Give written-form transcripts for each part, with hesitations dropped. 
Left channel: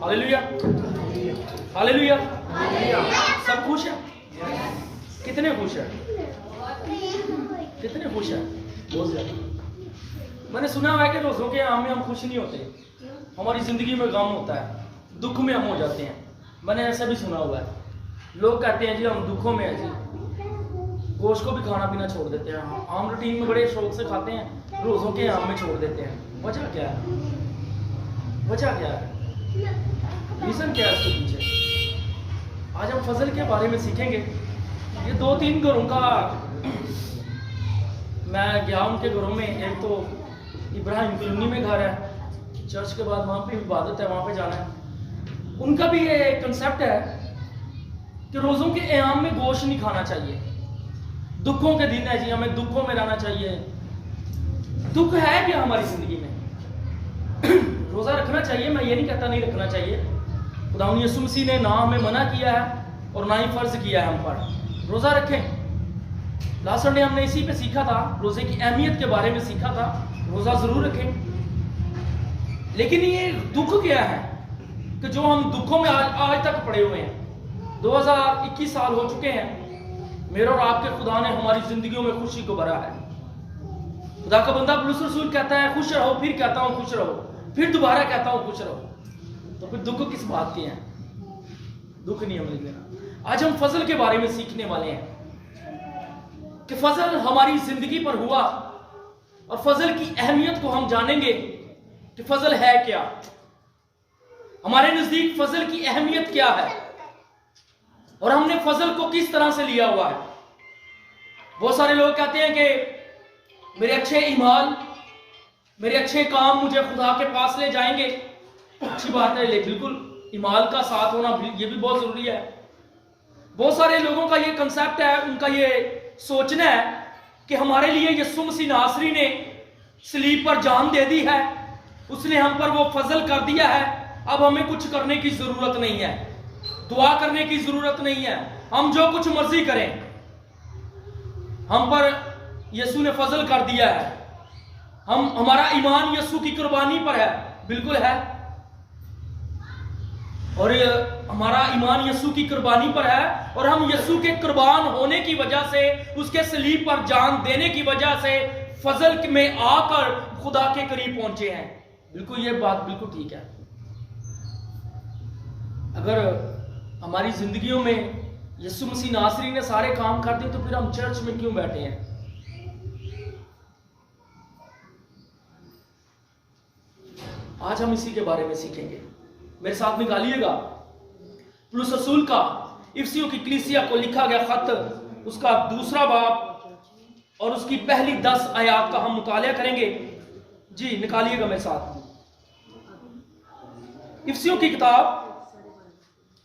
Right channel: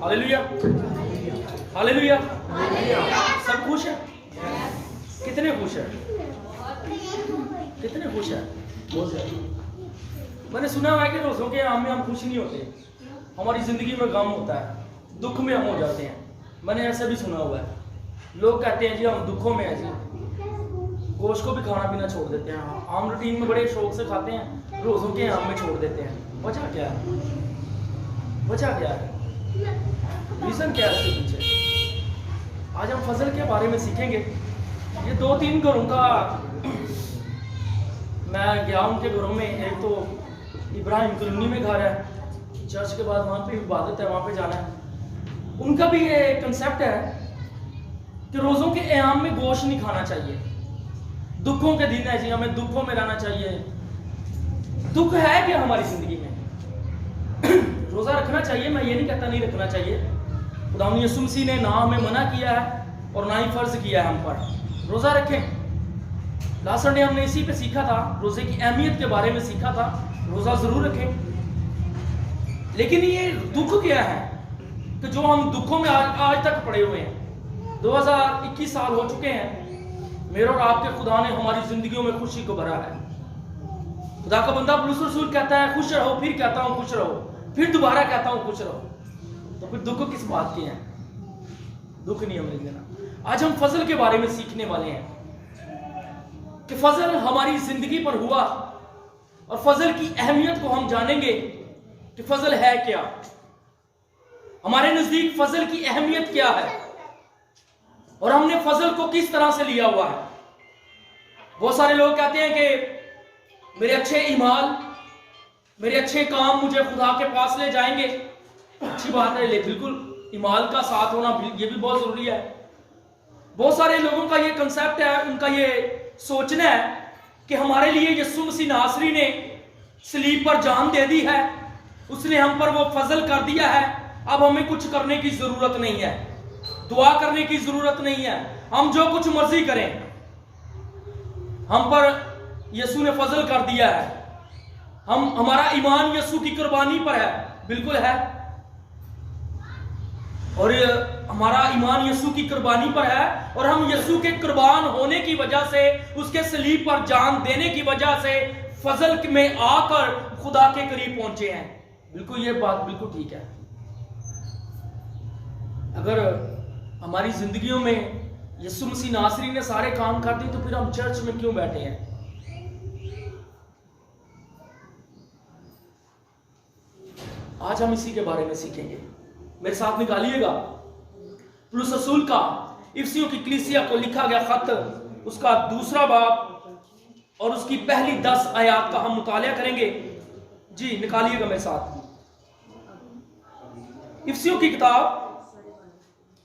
Hallelujah, hallelujah. सब खुश है? कितने खुश है? कितने खुश है? मैंने सुना हुआ है कि रोज़ों के आम में हम खुश नहीं होते, हमारी ज़िंदगी में गम होता है, दुख में हम हो जाते हैं। मैंने ऐसा भी सुना हुआ है, लोग कहते हैं जी हम दुखों में हैं जी, गोश्त को भी खाना पीना छोड़ देते हैं, आम रूटीन में बड़े शौक से खाते हैं, रोज़ों के आम में छोड़ देते हैं। वजह क्या है? वजह क्या है? रीज़न क्या है इसके पीछे? आज हम फजल के बारे में सीखेंगे। ये 2-3 घरों का, मैं गया उनके घरों में, एक तो इब्राहिम कॉलोनी में घर है, चर्च के बाद वहाँ पे इबादत है, वहाँ पे जाना है। उनका भी ये कंसेप्ट है कि रोज़ों के क़याम में गोश्त नहीं खाना चाहिए, दुखों के दिन है जी, हमें दुखों में रहना चाहिए। दुख है क्या हमारी ज़िंदगी में? रोज़ा रखना चाहिए, मैं ये नहीं कहता नहीं रखना चाहिए। खुदा यीशु मसीह ने ना हमें मना किया है और ना ही फ़र्ज़ किया है हम पर रोज़ा रखें। लास्ट संडे हमने इसी पे सीखा था, रोज़े की अहमियत के बारे में सीखा था। रोज़ा ज़रूर रखें, लेकिन ये दुख क्या है कि जो हम दुखों में आज तक पड़े हुए हैं। 2021 साल हो चुके हैं, मेरे और आपके खुदा ने हमारी ज़िंदगियों में खुशी को भरा है। खुदा का बंदा पौलुस रसूल कहता है खुश रहो, फिर कहता हूँ खुश रहो, फिर दोबारा कहता हूँ खुश रहो। तो फिर दुख किस बात के हैं? दुख नहीं हमें लेना। आज हम फजल के बारे में सीखने वाले हैं कि फजल हमारी जिंदगी पर हुआ और फजल की अहमियत को हम जानेंगे कि फजल है क्या, हमारे नजदीक फजल की अहमियत क्या है और हमने फजल को किस तरह से लिया हुआ है। बहुत सारे लोग कहते हैं कि मेरे अच्छे ईमाल, मेरे अच्छे काम मुझे खुदा के पास ले जाएंगे। अच्छी बात है, बिल्कुल ईमाल का साथ होना ये भी बहुत जरूरी है। बहुत सारे लोगों का ये कंसेप्ट है, उनका ये सोचना है कि हमारे लिए यीशु मसीह नासरी ने सलीब पर जान दे दी है, उसने हम पर वो फजल कर दिया है, अब हमें कुछ करने की जरूरत नहीं है, दुआ करने की जरूरत नहीं है, हम जो कुछ मर्जी करें, हम पर यीशु ने फजल कर दिया है, हमारा ईमान यीशु की कुर्बानी पर है। बिल्कुल है, और हमारा ईमान यीशु की कुर्बानी पर है और हम यीशु के कुर्बान होने की वजह से, उसके सलीब पर जान देने की वजह से फजल में आकर खुदा के करीब पहुंचे हैं। बिल्कुल ये बात बिल्कुल ठीक है। अगर हमारी जिंदगियों में यीशु मसीह नासरी ने सारे काम कर दिए तो फिर हम चर्च में क्यों बैठे हैं? आज हम इसी के बारे में सीखेंगे। मेरे साथ निकालिएगा पौलुस रसूल का इफिसियों की कलीसिया को लिखा गया खत, उसका 2 बाब और उसकी पहली 10 आयात का हम मुतालिया करेंगे। जी निकालिएगा मेरे साथ इफिसियों की किताब,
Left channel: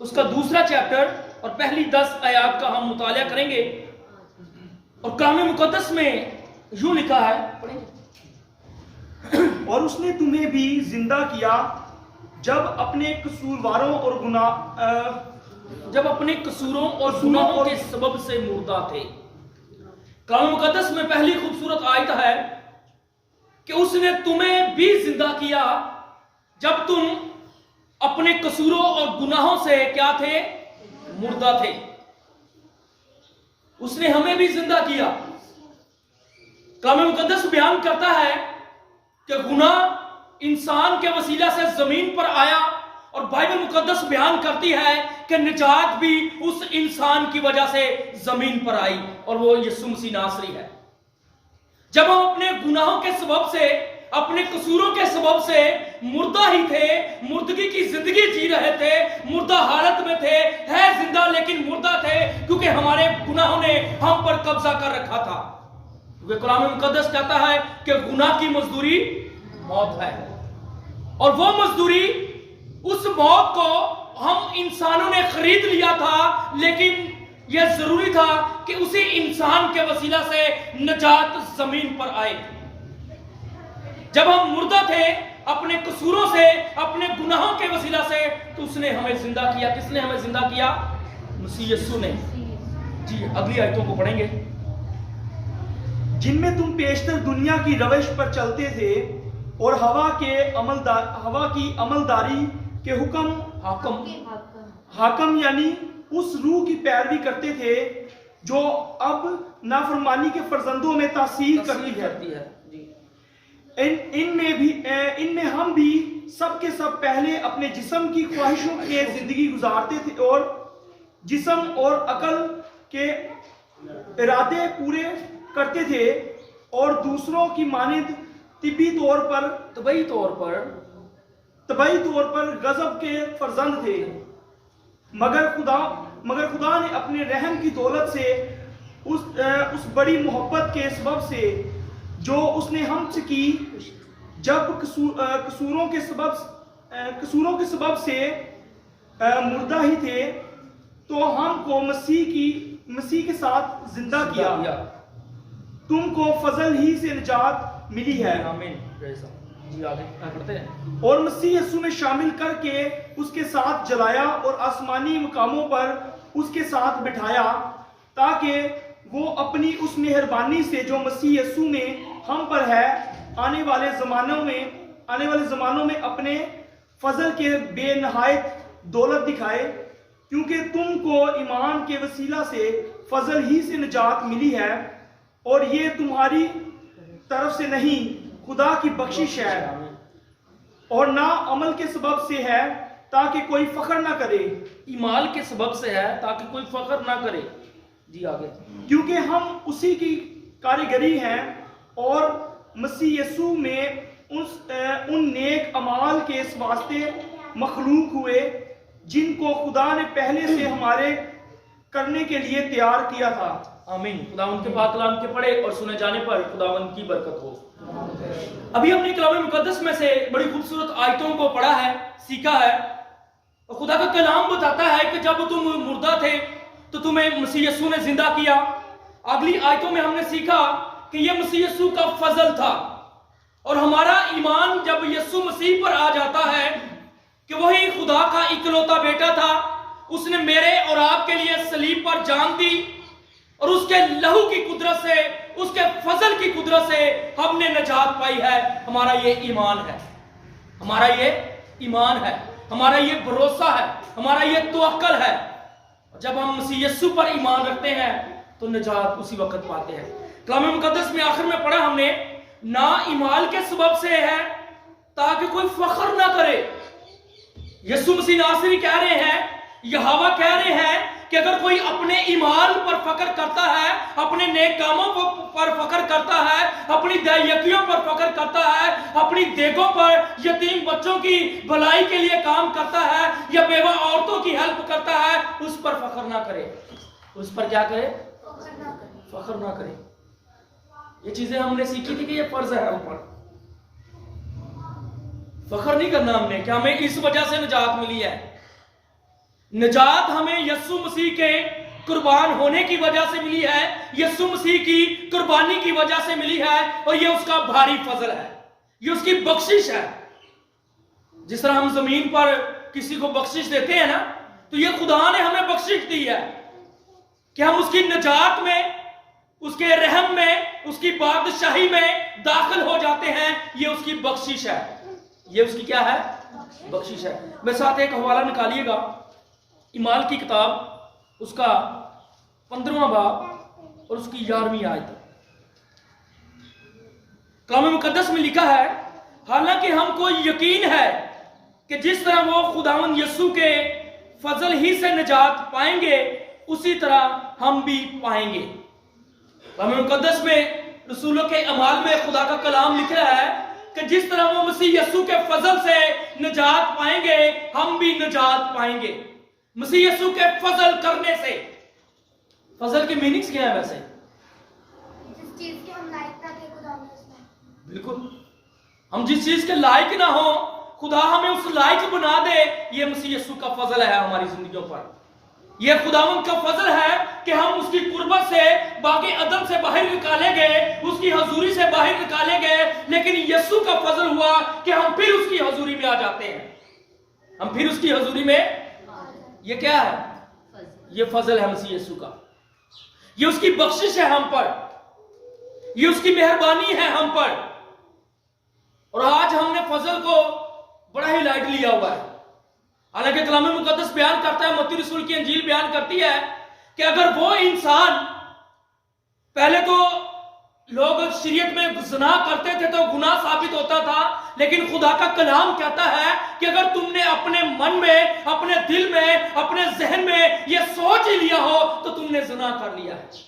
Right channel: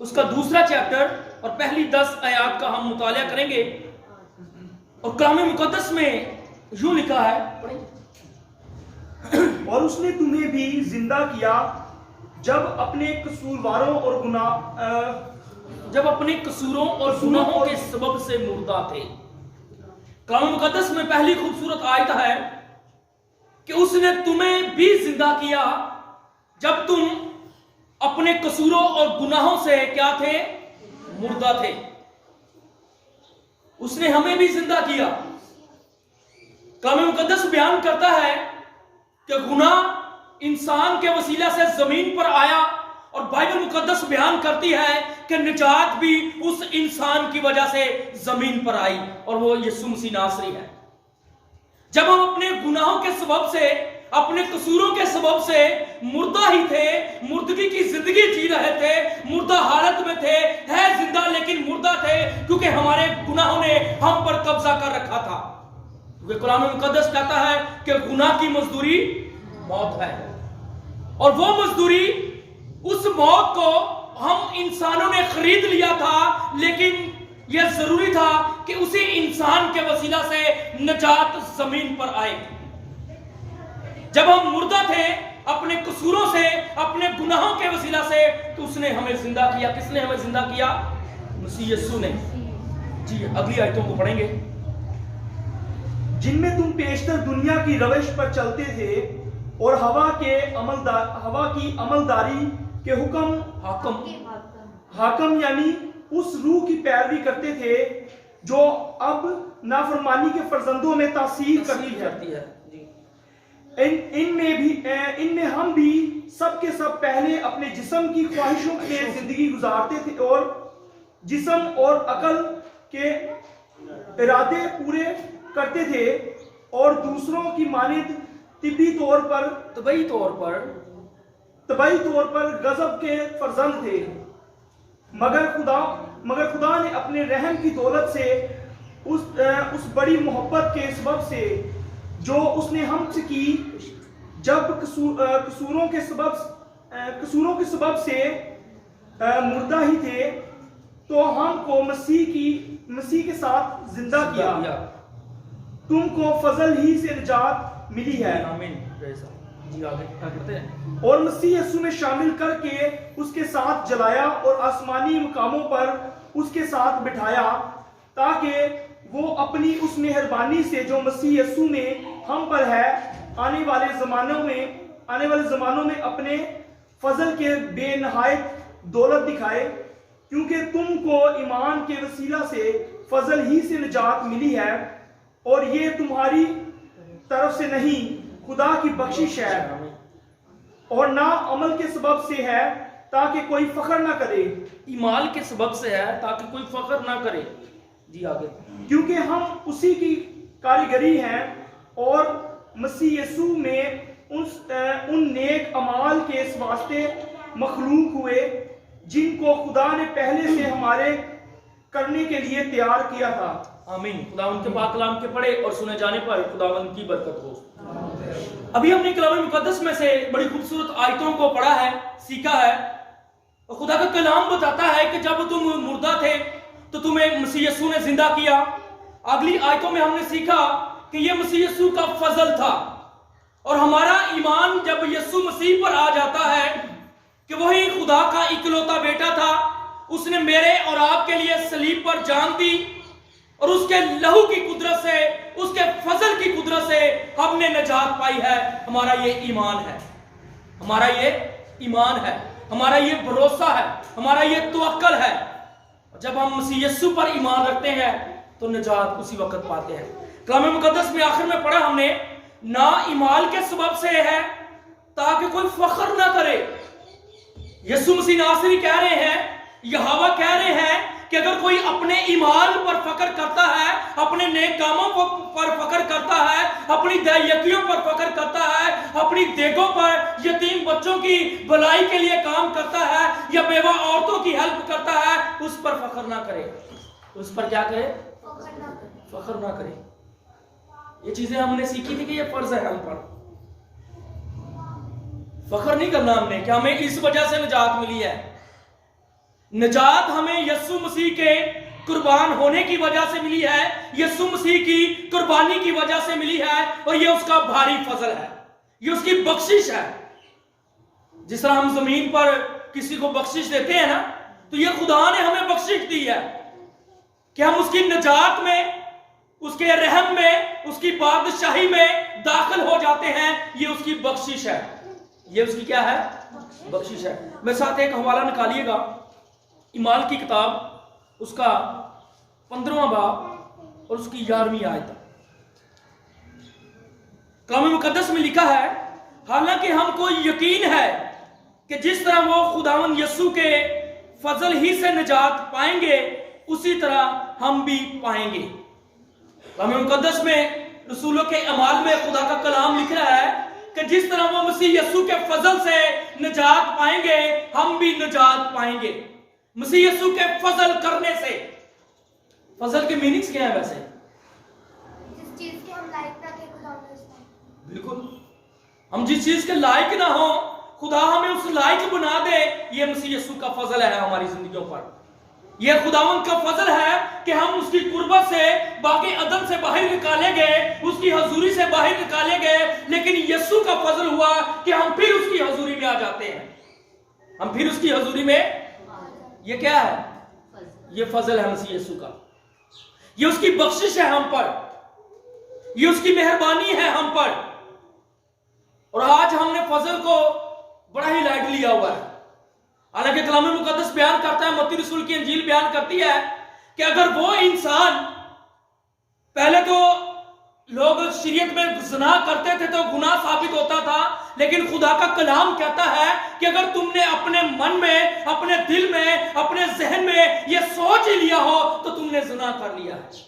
उसका 2 चैप्टर और पहली 10 आयात का हम मुतालिया करेंगे। और कलाम मुकद्दस में यूं लिखा है, पढ़ेंगे। और उसने तुम्हें भी जिंदा किया जब अपने कसूरों और गुनाहों के सबब से मुर्दा थे। कलाम मुकद्दस में पहली खूबसूरत आयत है कि उसने तुम्हें भी जिंदा किया जब तुम अपने कसूरों और गुनाहों से क्या थे? मुर्दा थे। उसने हमें भी जिंदा किया। कलाम मुकद्दस बयान करता है कि गुनाह इंसान के वसीला से जमीन पर आया और बाइबल मुकद्दस बयान करती है कि निजात भी उस इंसान की वजह से जमीन पर आई और वो यीशु मसीह नासरी है। जब हम अपने गुनाहों के सबब से, अपने कसूरों के सबब से मुर्दा ही थे, मुर्दगी की जिंदगी जी रहे थे, मुर्दा हालत में थे, है जिंदा लेकिन मुर्दा थे क्योंकि हमारे गुनाहों ने हम पर कब्जा कर रखा था। क्योंकि कलाम मुकद्दस कहता है कि गुनाह की मजदूरी मौत है और वो मजदूरी, उस मौत को हम इंसानों ने खरीद लिया था, लेकिन यह जरूरी था कि उसी इंसान के वसीला से निजात जमीन पर आए। जब हम मुर्दा थे अपने कसूरों से, अपने गुनाहों के वसीला से, तो उसने हमें जिंदा किया। किसने हमें जिंदा किया? मसीह यीशु ने। जी अगली आयतों को पढ़ेंगे। जिनमें तुम पेशतर दुनिया की रविश पर चलते थे और हवा की अमलदारी के हुक्म हाकम हाकम यानी उस रूह की पैरवी करते थे जो अब नाफरमानी के फर्जंदों में तासीर करती है जी। इनमें हम भी सब के सब पहले अपने जिस्म की ख्वाहिशों के जिंदगी गुजारते थे और जिस्म और अकल के इरादे पूरे करते थे और दूसरों की मानिंद तबई तौर पर गजब के फर्जंद थे, मगर खुदा ने अपने रहम की दौलत से उस बड़ी मोहब्बत के सबब से जो उसने हमसे की, जब कसूरों के सबब से मुर्दा ही थे तो हमको मसीह के साथ जिंदा किया। तुमको फजल ही से निजात मिली है। आमीन। जी आगे पढ़ते हैं। और मसीह यीशु में शामिल करके उसके साथ जलाया और आसमानी मुकामों पर उसके साथ बिठाया, ताकि वो अपनी उस मेहरबानी से जो मसीह यीशु में हम पर है आने वाले ज़मानों में अपने फजल के बेनहायत दौलत दिखाए, क्योंकि तुमको ईमान के वसीला से फजल ही से निजात मिली है और ये तुम्हारी तरफ से नहीं, खुदा की बख्शिश है और ना अमल के सबब से है ताकि कोई फख्र ना करे। ईमान के सबब से है ताकि कोई फख्र ना करे। जी आगे। क्योंकि हम उसी की कारीगरी हैं और मसीह यीशु में उन नेक अमाल के वास्ते मखलूक हुए जिनको खुदा ने पहले से हमारे करने के लिए तैयार किया था। आमीन। खुदा उनके पाक कलाम के पढ़े और सुने जाने पर खुदावन की बरकत हो। अभी हमने कलाम मुकद्दस में से बड़ी खूबसूरत आयतों को पढ़ा है, सीखा है, और खुदा का कलाम बताता है कि जब तुम मुर्दा थे तो तुम्हें मसीह यीशु ने जिंदा किया। अगली आयतों में हमने सीखा कि यह मसीह यीशु का फजल था और हमारा ईमान जब यीशु मसीह पर आ जाता है कि वही खुदा का इकलौता बेटा था, उसने मेरे और आपके लिए सलीब पर जान दी और उसके लहू की कुदरत से, उसके फजल की कुदरत से हमने नजात पाई है। हमारा ये ईमान है, हमारा ये ईमान है, हमारा ये भरोसा है, हमारा ये तवक्कल है। जब हम मसीह यीशु पर ईमान रखते हैं तो निजात उसी वक्त पाते हैं। कलाम मुकद्दस में आखिर में पढ़ा हमने, ना ईमान के सबब से है ताकि कोई फख्र ना करे। यीशु मसीह नासरी कह रहे हैं, यहोवा कह रहे हैं कि अगर कोई अपने ईमान पर फख्र करता है, अपने नेक कामों पर फख्र करता है, अपनी दयाकियों पर फख्र करता है, अपनी देगों पर यतीम बच्चों की भलाई के लिए काम करता है या बेवा औरतों की हेल्प करता है, उस पर फख्र ना करे। उस पर क्या करे? फख्र ना करे। ये चीजें हमने सीखी थी कि ये फर्ज है हम पर। फख्र नहीं करना हमने कि हमें इस वजह से निजात मिली है। निजात हमें यीशु मसीह के कुर्बान होने की वजह से मिली है, यीशु मसीह की कुर्बानी की वजह से मिली है और ये उसका भारी फजल है, ये उसकी बख्शिश है। जिस तरह हम जमीन पर किसी को बख्शिश देते हैं ना, तो ये खुदा ने हमें बख्शिश दी है कि हम उसकी निजात में, उसके रहम में, उसकी बादशाही में दाखिल हो जाते हैं। ये उसकी बख्शिश है, ये उसकी क्या है? बख्शिश है। मेरे साथ एक हवाला निकालिएगा, ईमाल की किताब, उसका 15वां बाब और उसकी 11वीं आयत। कलाम मुकद्दस में लिखा है, हालांकि हमको यकीन है कि जिस तरह वो खुदावंद यीशु के फजल ही से निजात पाएंगे उसी तरह हम भी पाएंगे। कलाम मुकद्दस में रसूलों के अमाल में खुदा का कलाम लिख रहा है कि जिस तरह वो मसीह यीशु के फजल से निजात पाएंगे हम भी निजात पाएंगे। मसीह यीशु के फजल करने से, फजल की मीनिंग्स क्या है? वैसे जिस चीज के हम लायक ना थे खुदा ने उसमें, बिल्कुल, हम जिस चीज के लायक ना हो खुदा हमें उस लायक बना दे। ये मसीह यीशु का फजल है हमारी जिंदगियों पर। ये खुदावंद का फजल है कि हम उसकी कुर्बत से, बाकी अदम से बाहर निकाले गए, उसकी हजूरी से बाहर निकाले गए, लेकिन यीशु का फजल हुआ कि हम फिर उसकी हजूरी में आ जाते हैं। हम फिर उसकी हजूरी में, ये क्या है? ये फजल है मसीह यीशु का, ये उसकी बख्शिश है हम पर, ये उसकी मेहरबानी है हम पर। और आज हमने फजल को बड़ा ही लाइट लिया हुआ है। حالانکہ کلام مقدس بیان کرتا ہے, متی رسول کی انجیل بیان کرتی ہے کہ اگر وہ انسان, پہلے تو لوگ شریعت میں زنا کرتے تھے تو گناہ ثابت ہوتا تھا, لیکن خدا کا کلام کہتا ہے کہ اگر تم نے اپنے من میں, اپنے دل میں, اپنے ذہن میں یہ سوچ ہی لیا ہو تو تم نے زنا کر لیا ہے.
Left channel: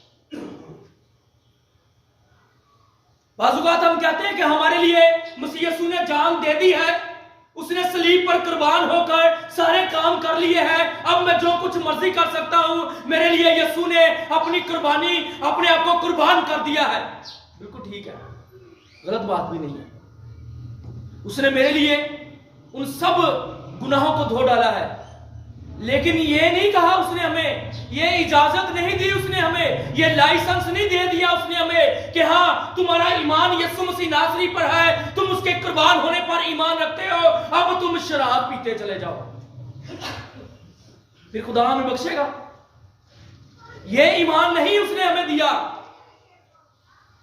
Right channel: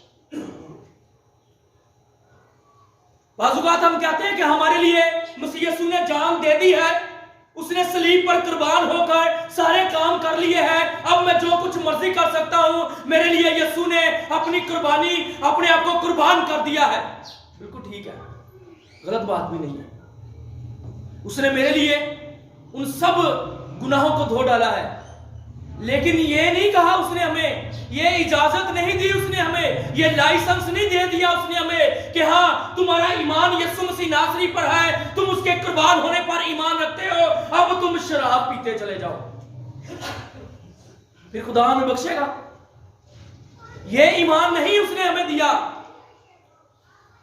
بعض اوقات ہم کہتے ہیں کہ ہمارے لیے مسیح یسوع نے جان دے دی ہے, اس نے صلیب پر قربان ہو کر سارے کام کر لیے ہیں, اب میں جو کچھ مرضی کر سکتا ہوں, میرے لیے یسوع نے اپنی قربانی, اپنے آپ کو قربان کر دیا ہے. بالکل ٹھیک ہے, غلط بات بھی نہیں ہے. اس نے میرے لیے ان سب گناہوں کو دھو ڈالا ہے, لیکن یہ نہیں کہا اس نے ہمیں, یہ اجازت نہیں دی اس نے ہمیں, یہ لائسنس نہیں دے دیا اس نے ہمیں کہ ہاں تمہارا ایمان یسوع مسیح ناصری پر ہے, تم اس کے قربان ہونے پر ایمان رکھتے ہو, اب تم شراب پیتے چلے جاؤ, پھر خدا ہمیں بخشے گا. یہ ایمان نہیں اس نے ہمیں دیا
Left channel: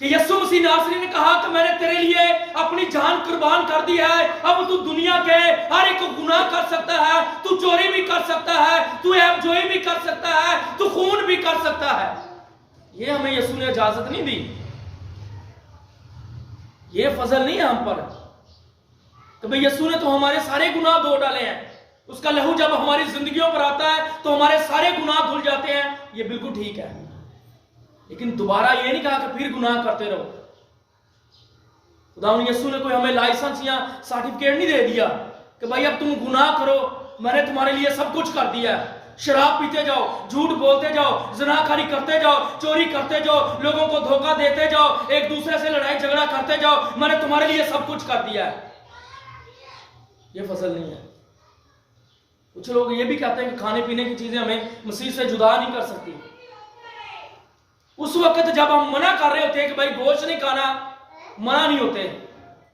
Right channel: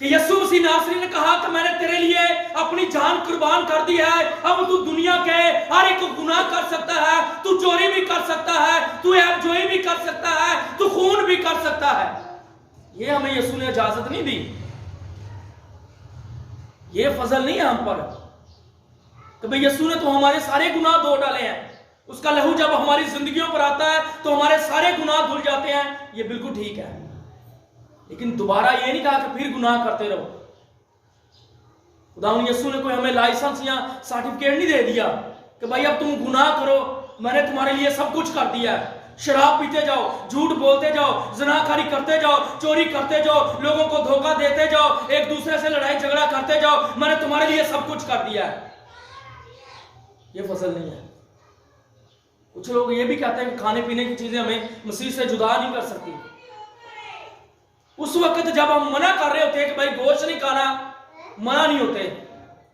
کہ یسوع مسیح ناصری نے کہا کہ میں نے تیرے لیے اپنی جان قربان کر دی ہے, اب تو دنیا کے ہر ایک گناہ کر سکتا ہے, تو چوری بھی کر سکتا ہے, تو عیب جوئی بھی کر سکتا ہے, تو خون بھی کر سکتا ہے. یہ ہمیں یسوع نے اجازت نہیں دی. یہ فضل نہیں ہے ہم پر کہ بھئی یسوع نے تو ہمارے سارے گناہ دھو ڈالے ہیں, اس کا لہو جب ہماری زندگیوں پر آتا ہے تو ہمارے سارے گناہ دھل جاتے ہیں. یہ بالکل ٹھیک ہے, لیکن دوبارہ یہ نہیں کہا کہ پھر گناہ کرتے رہو. خداوند یسوع نے کوئی ہمیں لائسنس یا سرٹیفکیٹ نہیں دے دیا کہ بھائی اب تم گناہ کرو, میں نے تمہارے لیے سب کچھ کر دیا ہے. شراب پیتے جاؤ, جھوٹ بولتے جاؤ, زناکاری کرتے جاؤ, چوری کرتے جاؤ, لوگوں کو دھوکہ دیتے جاؤ, ایک دوسرے سے لڑائی جھگڑا کرتے جاؤ, میں نے تمہارے لیے سب کچھ کر دیا ہے. یہ فضل نہیں ہے. کچھ لوگ یہ بھی کہتے ہیں کہ کھانے پینے کی چیزیں ہمیں مسیح سے جدا نہیں کر سکتی. اس وقت جب ہم منع کر رہے ہوتے ہیں کہ بھائی گوشت نہیں کھانا, منع نہیں ہوتے,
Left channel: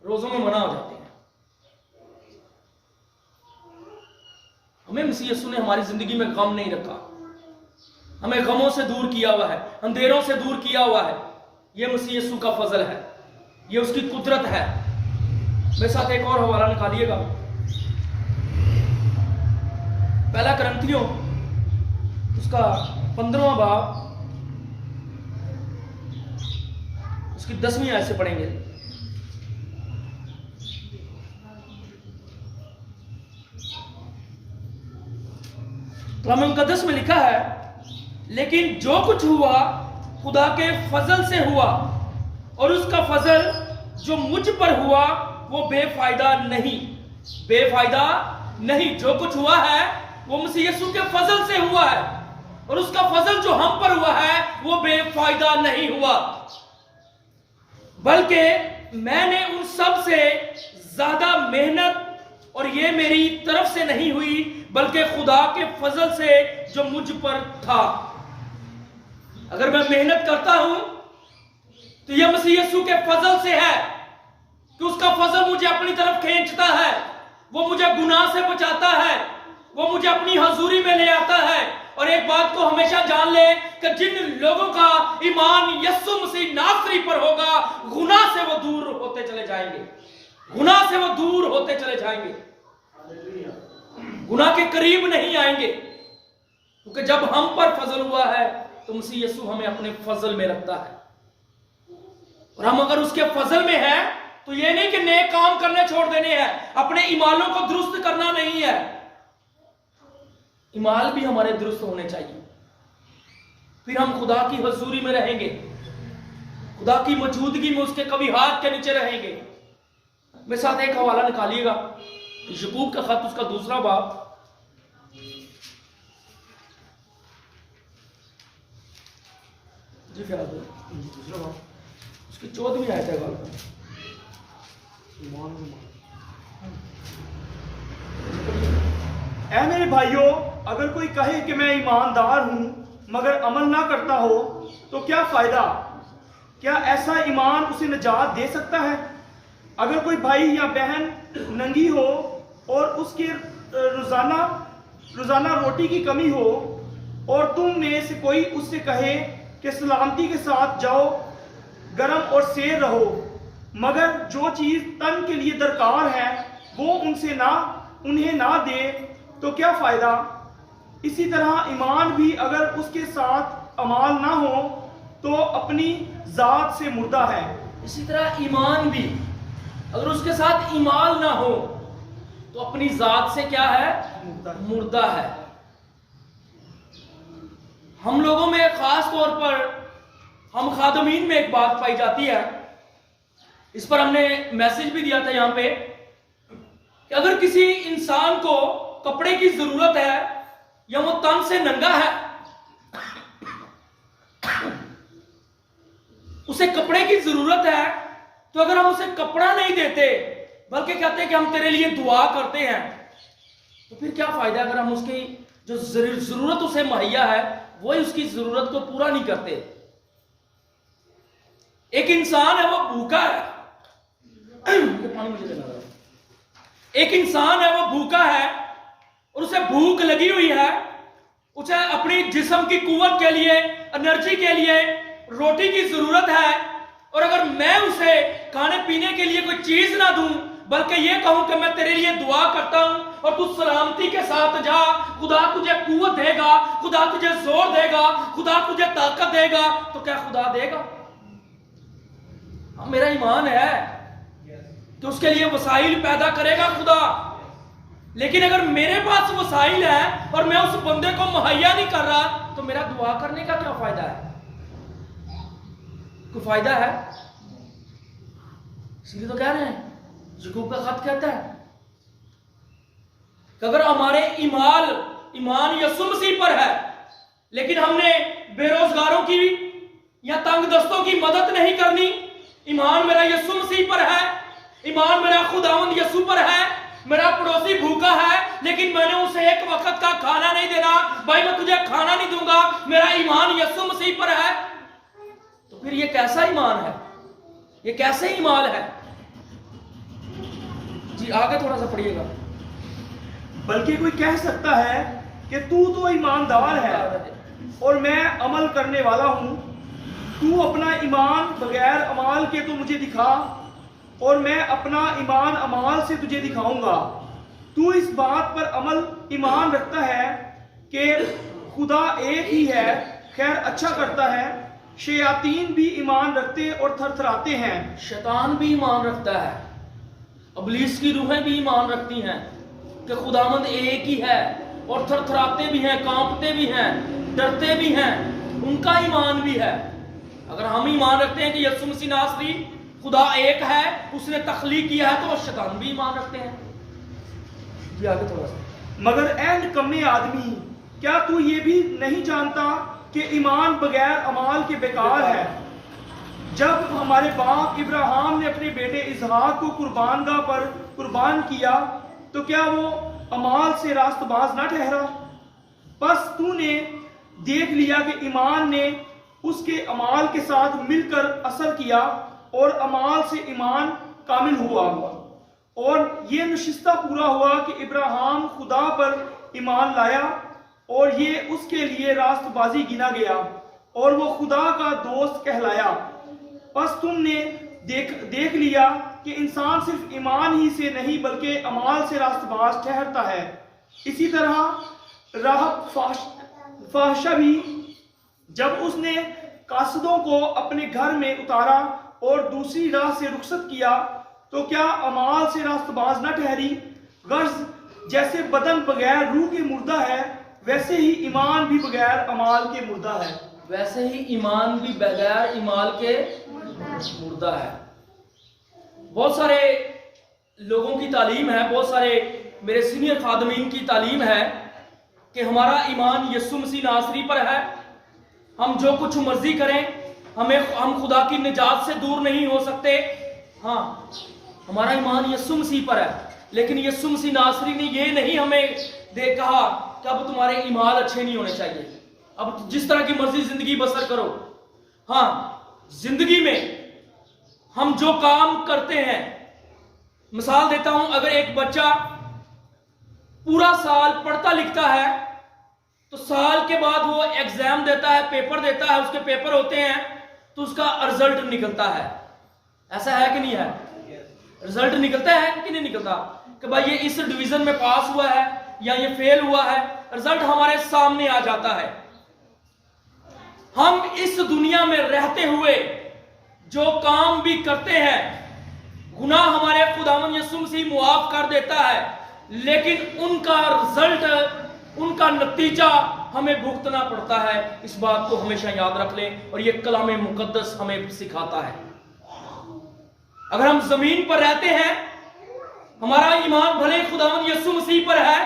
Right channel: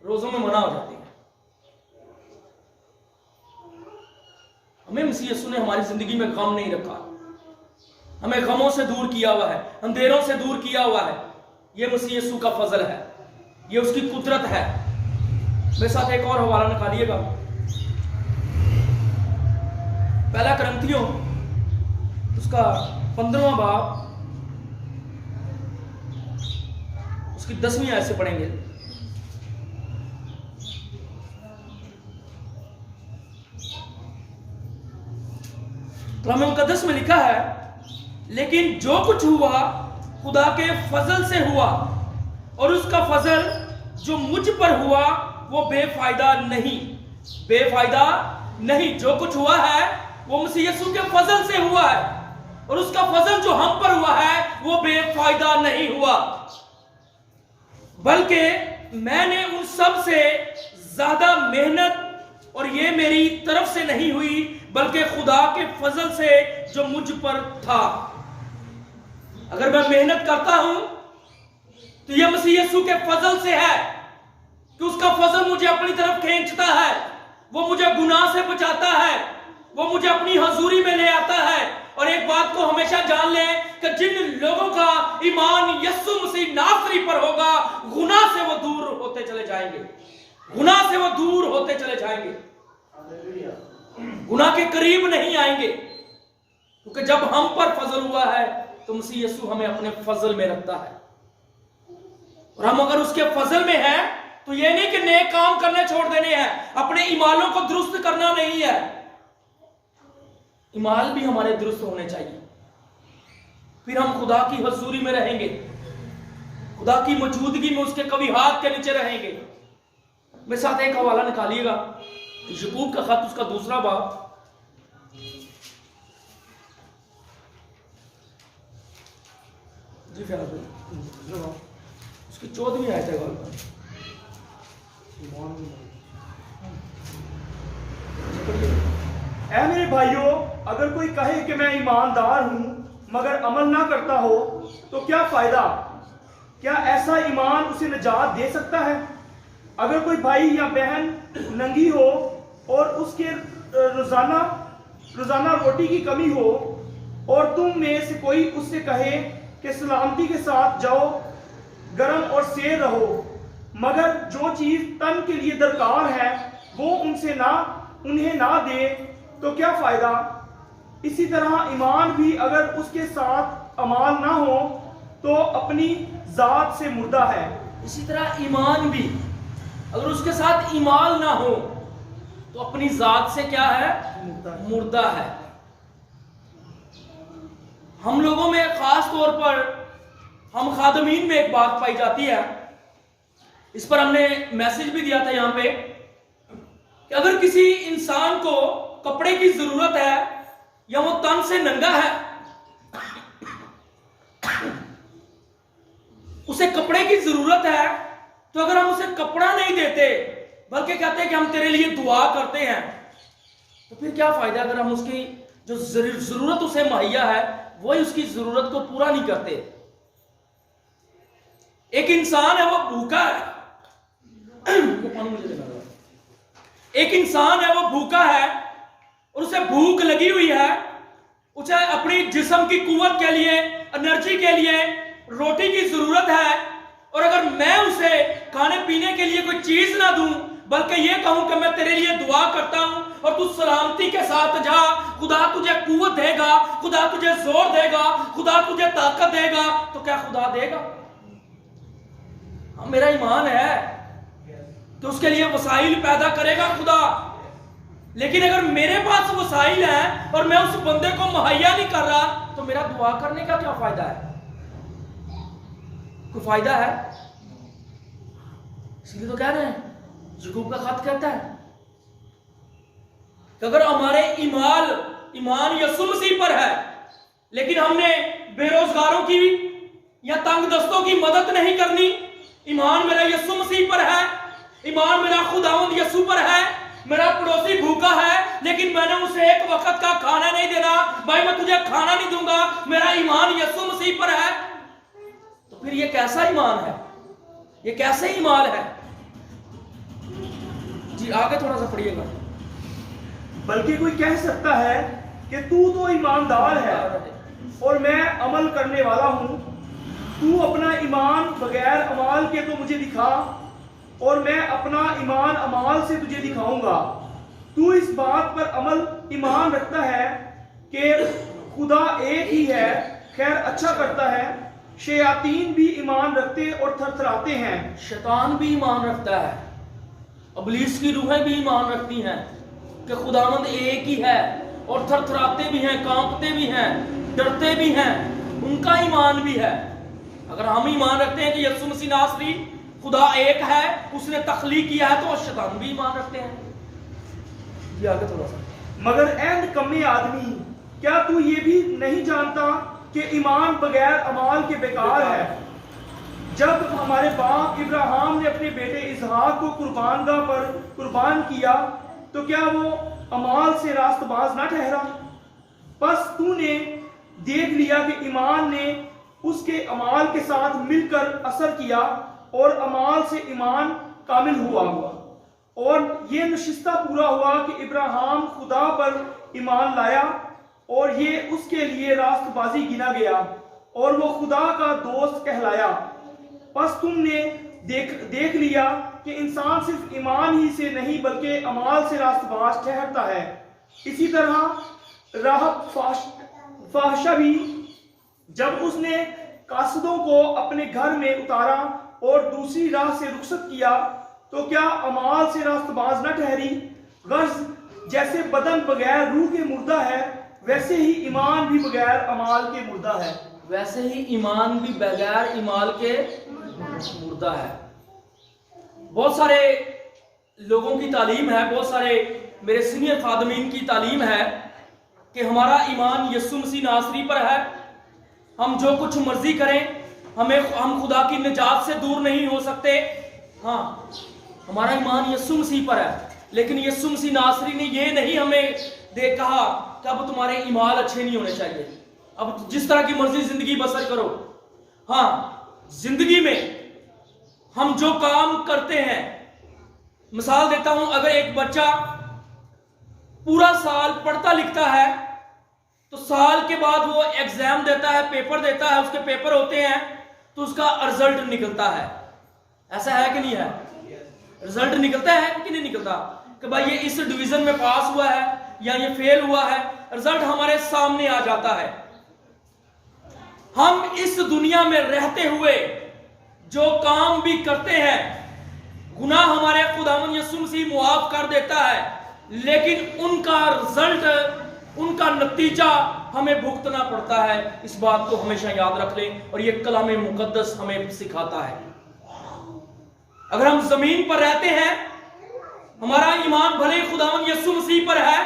روزوں میں منع ہو جاتے ہیں. ہمیں مسیح یسوع نے ہماری زندگی میں غم نہیں رکھا, ہمیں غموں سے دور کیا ہوا ہے, اندھیروں سے دور کیا ہوا ہے. یہ مسیح یسوع کا فضل ہے, یہ اس کی قدرت ہے. میرے ساتھ ایک اور حوالہ نکالیے گا, پہلا کرنتھیوں اس کا 15واں باب اس کی 10ویں آیت سے پڑھیں گے. کلام مقدس میں لکھا ہے, لیکن جو کچھ ہوا خدا کے فضل سے ہوا, اور اس کا فضل جو مجھ پر ہوا وہ بے فائدہ نہیں. بے فائدہ نہیں. جو کچھ ہوا ہے وہ مسیح یسوع کے فضل سے ہوا ہے, اور اس کا فضل جو ہم پر ہوا ہے وہ بے فائدہ نہیں ہوا, بلکہ میں نے ان سب سے زیادہ محنت, اور یہ میری طرف سے نہیں ہوئی بلکہ خدا کے فضل سے جو مجھ پر تھا. اگر میں محنت کرتا ہوں تو یہ مسیح یسوع کے فضل سے ہے کہ اس کا فضل مجھے اپنی طرف کھینچتا ہے, وہ مجھے گناہ سے بچاتا ہے, وہ مجھے اپنی حضوری میں لے آتا ہے. اور ایک بات کو ہمیشہ جان لیں کہ جن لوگوں کا ایمان یسوع مسیح ناصری پر ہوگا, گناہ سے وہ دور ہوتے چلے جائیں گے, گناہ سے وہ دور ہوتے چلے جائیں گے, گناہ کے قریب نہیں آئیں گے. کیونکہ جب ہم پر فضل ہوا ہے تو مسیح یسوع ہمیں اپنے فضل میں رکھتا ہے, اور ہم اگر اس کے فضل میں ہیں تو یہ نہیں کہ نیک کام کرنے چھوڑ دینے ہیں, اپنے ایمانوں کو درست کرنا نہیں ہے. ایمان بھی ہمارے درست ہونے چاہیے, پھر ہم خدا کی حضوری میں رہیں گے, خدا کی موجودگی میں اس کے کبھی ہاتھ کے نیچے رہیں گے. میرے ساتھ ایک حوالہ نکالیے گا, یعقوب کا خط اس کا 2 باب, جی فیاض بھائی, اس کی 14ویں آیت ہے غالباً. اے میرے بھائیوں, اگر کوئی کہے کہ میں ایماندار ہوں مگر عمل نہ کرتا ہو تو کیا فائدہ؟ کیا ایسا ایمان اسے نجات دے سکتا ہے؟ اگر کوئی بھائی یا بہن ننگی ہو اور اس کے روزانہ روٹی کی کمی ہو, اور تم میں سے کوئی اس سے کہے کہ سلامتی کے ساتھ جاؤ, گرم اور سیر رہو, مگر جو چیز تن کے لیے درکار ہے وہ انہیں نہ دے, تو کیا فائدہ؟ اسی طرح ایمان بھی اگر اس کے ساتھ اعمال نہ ہو تو اپنی ذات سے مردہ ہے۔ اسی طرح ایمان بھی اگر اس کے ساتھ ایمان نہ ہو تو اپنی ذات سے کیا ہے؟ مردہ ہے۔ ہم لوگوں میں خاص طور پر ہم خادمین میں ایک بات پائی جاتی ہے، اس پر ہم نے میسج بھی دیا تھا یہاں پہ، کہ اگر کسی انسان کو کپڑے کی ضرورت ہے یا وہ تن سے ننگا ہے، اسے کپڑے کی ضرورت ہے، تو اگر ہم اسے کپڑا نہیں دیتے بلکہ کہتے ہیں کہ ہم تیرے لیے دعا کرتے ہیں، تو پھر کیا فائدہ اگر ہم اس کی جو ضرورت اسے مہیا ہے وہی اس کی ضرورت کو پورا نہیں کرتے۔ ایک انسان ہے وہ بھوکا ہے، ایک انسان ہے وہ بھوکا ہے اور اسے بھوک لگی ہوئی ہے، اسے اپنی جسم کی قوت کے لیے، انرجی کے لیے روٹی کی ضرورت ہے، اور اگر میں اسے کھانے پینے کے لیے کوئی چیز نہ دوں بلکہ یہ کہوں کہ میں تیرے لیے دعا کرتا ہوں اور تو سلامتی کے ساتھ جا، خدا تجھے قوت دے گا، خدا تجھے زور دے گا، خدا تجھے طاقت دے گا، تو کیا خدا دے گا؟ میرا ایمان ہے کہ اس کے لیے وسائل پیدا کرے گا خدا، لیکن اگر میرے پاس وسائل ہیں اور میں اس بندے کو مہیا نہیں کر رہا تو میرا دعا کرنے کا کیا فائدہ ہے؟ کوئی فائدہ ہے؟ اسی لیے تو کہہ رہے ہیں، یعقوب کا خط کہتا ہے کہ اگر ہمارے ایمان یسوع مسیح پر ہے لیکن ہم نے بے روزگاروں کی یا تنگ دستوں کی مدد نہیں کرنی، ایمان میرا یسوع مسیح پر ہے، ایمان میرا خداوند یسوع پر ہے، میرا پڑوسی بھوکا ہے لیکن میں نے اسے ایک وقت کا کھانا نہیں دینا، بھائی میں تجھے کھانا نہیں دوں گا، میرا ایمان یسوع مسیح پر ہے، تو پھر یہ کیسا ایمان ہے؟ یہ کیسے ایمان ہے؟ جی آگے تھوڑا سا پڑھیے گا۔ بلکہ کوئی کہہ سکتا ہے کہ تو ایماندار ہے اور میں عمل کرنے والا ہوں، تو اپنا ایمان بغیر اعمال کے تو مجھے دکھا اور میں اپنا ایمان اعمال سے تجھے دکھاؤں گا۔ تو اس بات پر ایمان رکھتا ہے کہ خدا ایک ہی ہے، خیر اچھا کرتا ہے، شیاطین بھی ایمان رکھتے اور تھر تھراتے ہیں۔ شیطان بھی ایمان رکھتا ہے، ابلیس کی روحیں بھی ایمان رکھتی ہیں کہ خداوند ایک ہی ہے، اور تھر تھراتے بھی ہیں، کانپتے بھی ہیں، ڈرتے بھی ہیں، ان کا ایمان بھی ہے۔ اگر ہم ایمان رکھتے ہیں کہ یسوع مسیح ناصری خدا ایک ہے، اس نے تخلیق کیا ہے، تو شیطان بھی ایمان رکھتے ہیں۔ جی آگے تھوڑا سا۔ مگر اے نکمے آدمی، کیا تو یہ بھی نہیں جانتا کہ ایمان بغیر اعمال کے بیکار ہے؟ جب ہمارے باپ ابراہیم نے اپنے بیٹے اسحاق کو قربان گاہ پر قربان کیا تو کیا وہ اعمال سے راست باز نہ ٹھہرا؟ پس تو نے دیکھ لیا کہ ایمان نے اس کے اعمال کے ساتھ مل کر اثر کیا اور اعمال سے ایمان کامل ہوا، اور یہ نشستہ پورا ہوا کہ ابراہیم خدا پر ایمان لایا اور یہ اس کے لیے راست بازی گنا گیا اور وہ خدا کا دوست کہلایا۔ پس تم نے دیکھ لیا کہ انسان صرف ایمان ہی سے نہیں بلکہ اعمال سے راست باز ٹھہرتا ہے۔ اسی طرح راہب فاحشہ بھی جب اس نے قاصدوں کو اپنے گھر میں اتارا اور دوسری راہ سے رخصت کیا تو کیا اعمال سے راست باز نہ ٹھہری؟ غرض جیسے بدن بغیر روح کے مردہ ہے، ویسے ہی ایمان بھی بغیر اعمال کے مردہ ہے۔ ویسے ہی ایمان بھی بغیر ایمان کے مردہ ہے۔ بہت سارے لوگوں کی تعلیم ہے، بہت سارے میرے سینئر خادمین کی تعلیم ہے کہ ہمارا ایمان یسوع مسیح ناصری پر ہے، ہم جو کچھ مرضی کریں ہم خدا کی نجات سے دور نہیں ہو سکتے۔ ہاں ہمارا ایمان یسوع مسیح پر ہے، لیکن یسوع مسیح ناصری نے یہ نہیں ہمیں کہا کہ اب تمہارے ایمان اچھے نہیں ہونے چاہیے، اب جس طرح کی مرضی زندگی بسر کرو۔ ہاں زندگی میں ہم جو کام کرتے ہیں، مثال دیتا ہوں، اگر ایک بچہ پورا سال پڑھتا لکھتا ہے تو سال کے بعد وہ ایگزام دیتا ہے، پیپر دیتا ہے، اس کے پیپر ہوتے ہیں تو اس کا رزلٹ نکلتا ہے، ایسا ہے کہ نہیں ہے؟ رزلٹ نکلتا ہے کہ نہیں نکلتا کہ بھائی یہ اس ڈویژن میں پاس ہوا ہے، یا یہ فیل ہوا ہے، رزلٹ ہمارے سامنے آ جاتا ہے۔ ہم اس دنیا میں رہتے ہوئے جو کام بھی کرتے ہیں، گناہ ہمارے خداوند یسوع مسیح معاف کر دیتا ہے، لیکن ان کا رزلٹ، ان کا نتیجہ ہمیں بھگتنا پڑتا ہے۔ اس بات کو ہمیشہ یاد رکھ لیں، اور یہ کلام مقدس ہمیں سکھاتا ہے۔ اگر ہم زمین پر رہتے ہیں، ہمارا ایمان بھلے خداوند یسوع مسیح پر ہے،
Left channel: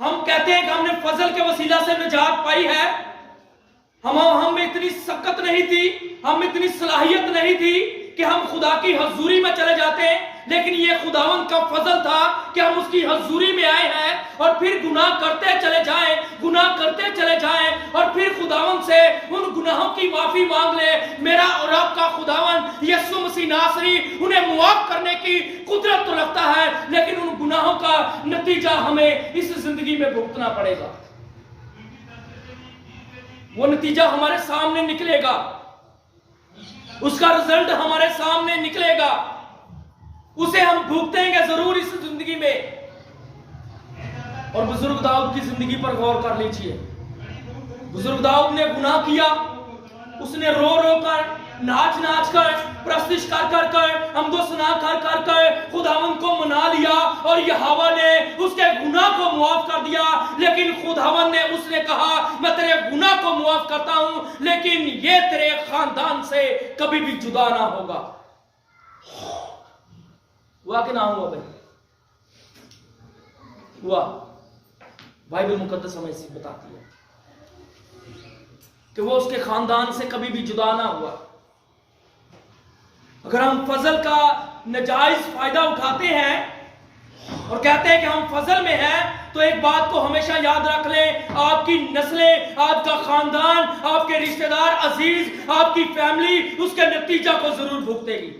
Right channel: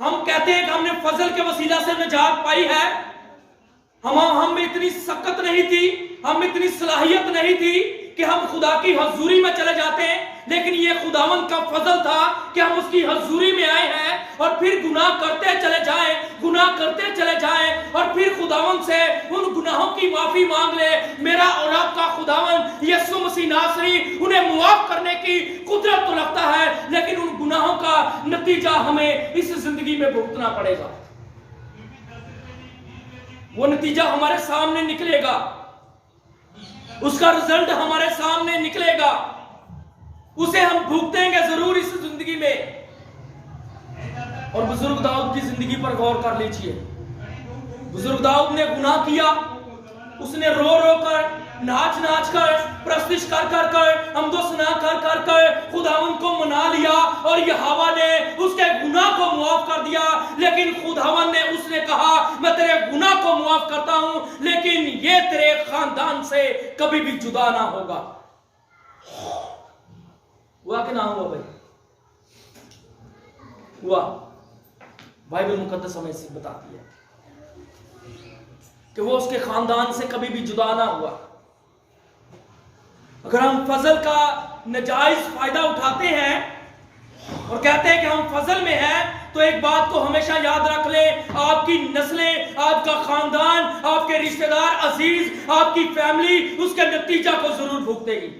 ہم کہتے ہیں کہ ہم نے فضل کے وسیلہ سے نجات پائی ہے، ہم میں اتنی سخت نہیں تھی، ہم میں اتنی صلاحیت نہیں تھی کہ ہم خدا کی حضوری میں چلے جاتے ہیں، لیکن یہ خداوند کا فضل تھا کہ ہم اس کی حضوری میں آئے ہیں، اور پھر گناہ کرتے چلے جائیں، گناہ کرتے چلے جائیں، اور پھر خداوند سے ان گناہوں کی معافی مانگ لے۔ میرا اور آپ کا خداوند یسوع مسیح ناصری انہیں معاف کرنے کی قدرت تو رکھتا ہے، لیکن ان گناہوں کا نتیجہ ہمیں اس زندگی میں بھگتنا پڑے گا۔ وہ نتیجہ ہمارے سامنے نکلے گا، اس کا رزلٹ ہمارے سامنے نکلے گا، اسے ہم بھگتیں گے ضرور اس زندگی میں۔ اور بزرگ داؤد کی زندگی پر غور کر لیجئے۔ بزرگ داؤد نے گناہ کیا، اس نے رو رو کر، ناچ ناچ کر، پرستش کر کر کر، حمد و ثنا کر کر کر خداوند کو منا لیا، اور یہوہ نے اس کے گناہ کو معاف کر دیا۔ لیکن خداوند نے اس نے کہا میں تیرے گناہ کو معاف کرتا ہوں، لیکن یہ تیرے خاندان سے کبھی بھی جدا نہ ہوگا۔ ہوا کہ نہ ہوا بھائی؟ ہوا۔ بائبل مقدس ہمیں اسی بتاتی ہے کہ وہ اس کے خاندان سے کبھی بھی جدا نہ ہوا۔ اگر ہم فضل کا ناجائز فائدہ اٹھاتے ہیں اور کہتے ہیں کہ ہم فضل میں ہیں، تو ایک بات کو ہمیشہ یاد رکھ لیں، آپ کی نسلیں، آپ کا خاندان، آپ کے رشتہ دار عزیز، آپ کی فیملی اس کے نتیجہ کو ضرور بھگتے گی۔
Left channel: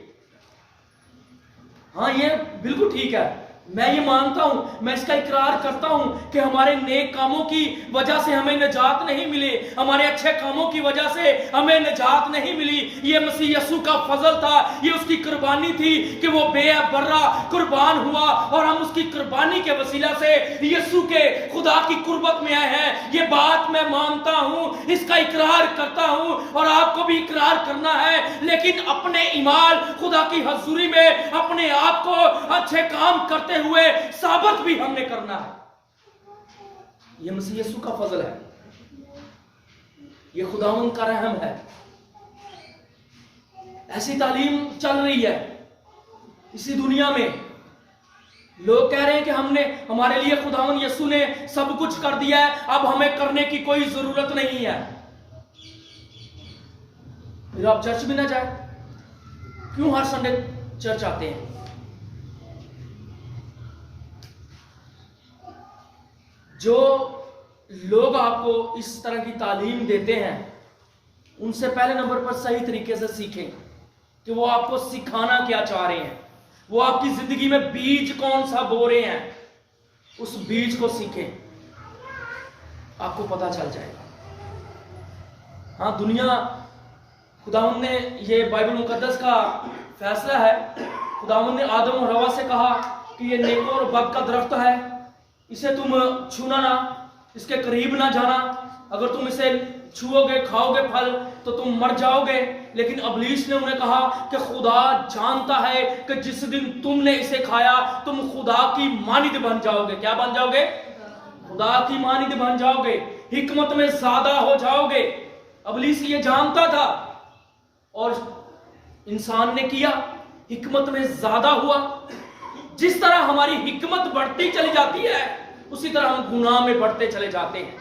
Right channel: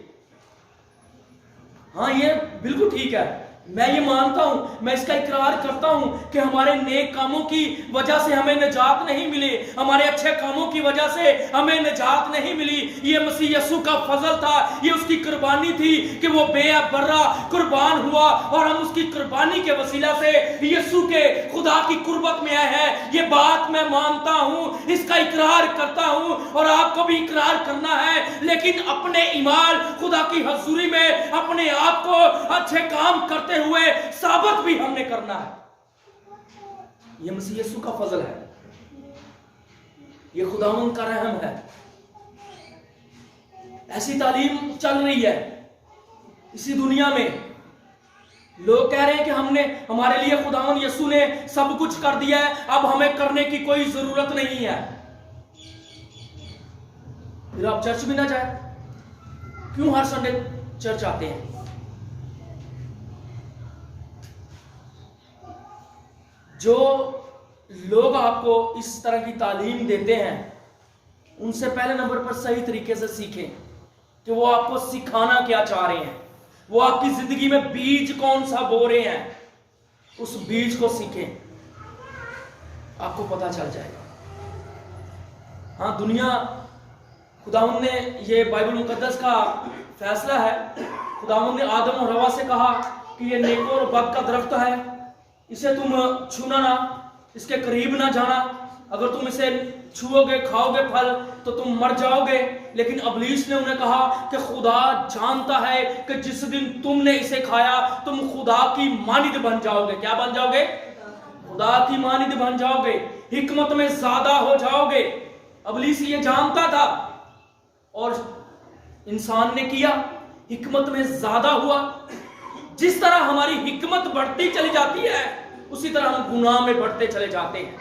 ہاں یہ بالکل ٹھیک ہے، میں یہ مانتا ہوں، میں اس کا اقرار کرتا ہوں کہ ہمارے نیک کاموں کی وجہ سے ہمیں نجات نہیں ملی، ہمارے اچھے کاموں کی وجہ سے ہمیں نجات نہیں ملی۔ یہ مسیح یسوع کا فضل تھا، یہ اس کی قربانی تھی کہ وہ بے برہ قربان ہوا، اور ہم اس کی قربانی کے وسیلہ سے یسوع کے خدا کی قربت میں آئے ہیں۔ یہ بات میں مانتا ہوں، اس کا اقرار کرتا ہوں، اور آپ کو بھی اقرار کرنا ہے، لیکن اپنے ایمان خدا کی حضوری میں اپنے آپ کو اچھے کام کرتے ہوئے ثابت بھی ہم نے کرنا ہے۔ یہ مسیح یسوع کا فضل ہے، یہ خداوند کا رحم ہے۔ ایسی تعلیم چل رہی ہے اسی دنیا میں، لوگ کہہ رہے ہیں کہ ہمارے لیے خداوند یسوع نے سب کچھ کر دیا ہے، اب ہمیں کرنے کی کوئی ضرورت نہیں ہے۔ پھر آپ چرچ میں نہ جائیں، کیوں ہر سنڈے چرچ آتے ہیں؟ جو لوگ آپ کو اس طرح کی تعلیم دیتے ہیں، ان سے پہلے نمبر پر صحیح طریقے سے سیکھیں کہ وہ آپ کو سکھانا کیا چاہ رہے ہیں، وہ آپ کی زندگی میں بیج کون سا بو رہے ہیں، اس بیج کو سیکھیں، آپ کو پتا چل جائے گا۔ ہاں دنیا، خداوند نے، یہ بائبل مقدس کا فیصلہ ہے، خداوند نے آدم اور حوا سے کہا کہ یہ نیک اور بد کا درخت ہے، اسے تم چھونا نہ، اس کے قریب نہ جانا، اگر تم اسے چھو گے کھاؤ گے پھل تو تم مر جاؤ گے۔ لیکن ابلیس نے انہیں کہا کہ خدا جانتا ہے کہ جس دن تم نے اسے کھایا تم خدا کی مانند بن جاؤ گے۔ کیا بن جاؤ گے؟ خدا کی مانند بن جاؤ گے، حکمت میں زیادہ ہو جاؤ گے۔ ابلیس یہ جانتا تھا اور انسان نے کیا، حکمت میں زیادہ ہوا۔ جس طرح ہماری حکمت بڑھتی چلی جاتی ہے اسی طرح ہم گناہ میں بڑھتے چلے جاتے ہیں،